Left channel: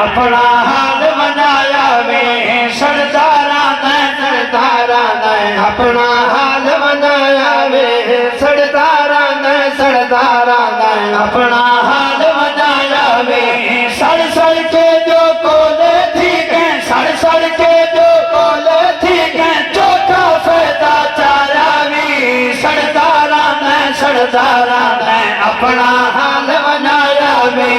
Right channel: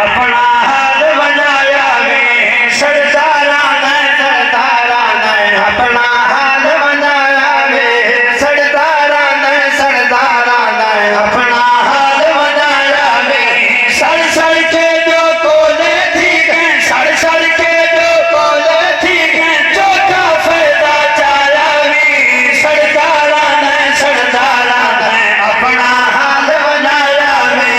اپنا حال بنایا وے سرداراں دا سرداراں دا اپنا حال بنایا وے سرداراں دا سرداراں دا اپنا حال بنایا وے سڑ سڑ کے جو کولے تھی گئے سڑ سڑ کے جو کولے تھی گئے چوتھا فائدہ چایا وی سرداراں دا سرداراں دا اپنا حال بنایا وے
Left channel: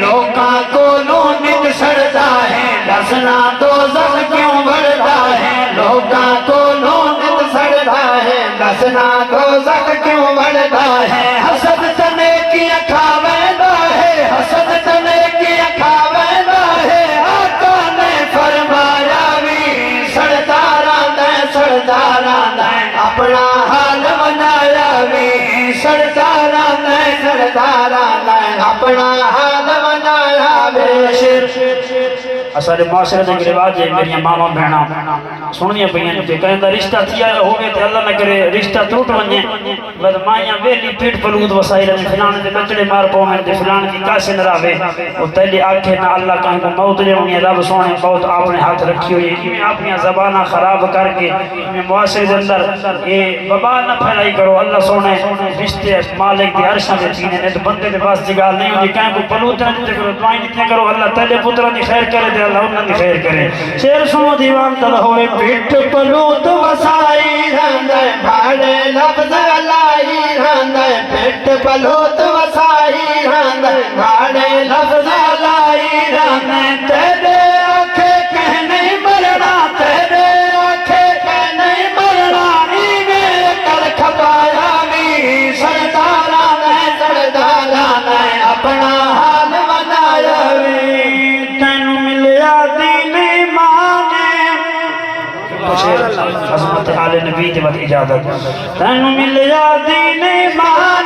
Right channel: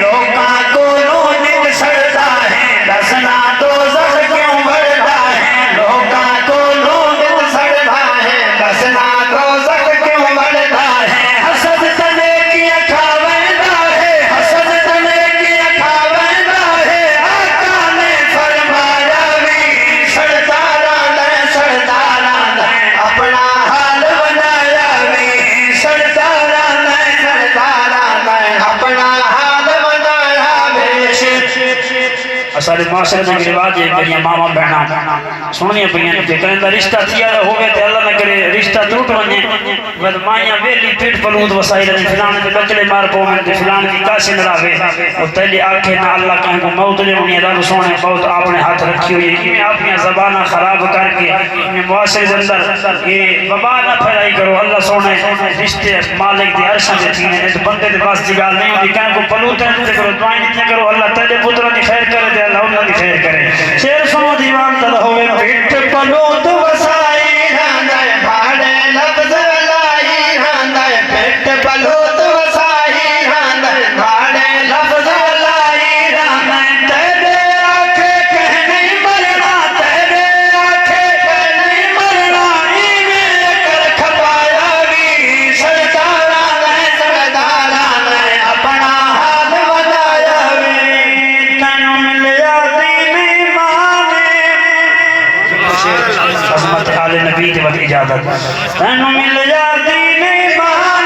لوکاں کولوں نت سڑدا ہے دسنا دوزخ کیوں بڑھدا ہے لوکاں کولوں نت سڑدا ہے دسنا دوزخ کیوں بڑھدا ہے حسد تنے کی کھاویندا ہے حسد تنے کی کھاویندا ہے آقا نے فرمایا وی سرداراں دا سرداراں دا اپنا حال بنایا وی سرداراں دا سرداراں دا اپنا حال بنایا وی اساڑے معاشرے میں رواج ہے کہ ماما بہنا سننی پئیاں کہ کہندا رشتہ تھیا ہوے تے اللہ نہ کرے رشتہ ٹوٹ ونے بس مائیاں ویلی پیٹ پلود وسائی رہے فلانے دے بچڑے مار پونے تے فلانے دی کاسے نہ راوے او تیلے آکھے نہ اللہ کہیں کو موت دے ہونی رب سونے بہت اپنے ہاتھ رکھی ہوئی ہے اپنی زباناں خراب کر کے معاشرے دے اندر یہ وبا نہ پھیلائی کرو اللہ سونے رشتے مالک دے عرش دے تینے نے بندے دے پاس دی گل نہیں ہوندی کہیں کو پلوت تے کرو دعائیں دتیاں کرو اللہ تیرے پتراں دی خیر کرے تے اللہ انہاں دی خیر کرے شیر سو دیوان تل ہوئے پیٹ پلوت وسائی رہندے بھاڑے لفظ لائی رہندے پیٹ پلوت وسائی رہندے بھاڑے لفظ لائی رہندے تیرے آنکھیں کہ نہیں مرنا تیرے آنکھیں کہ نہیں مرنا ایویں کر کھپایا وی سرداراں نے سرداراں نے اپنا حال بنایا وی تینوں ملیا دین ایمان عظمت حال نبی تے وقت اجازت تینوں ملیا دین ایمان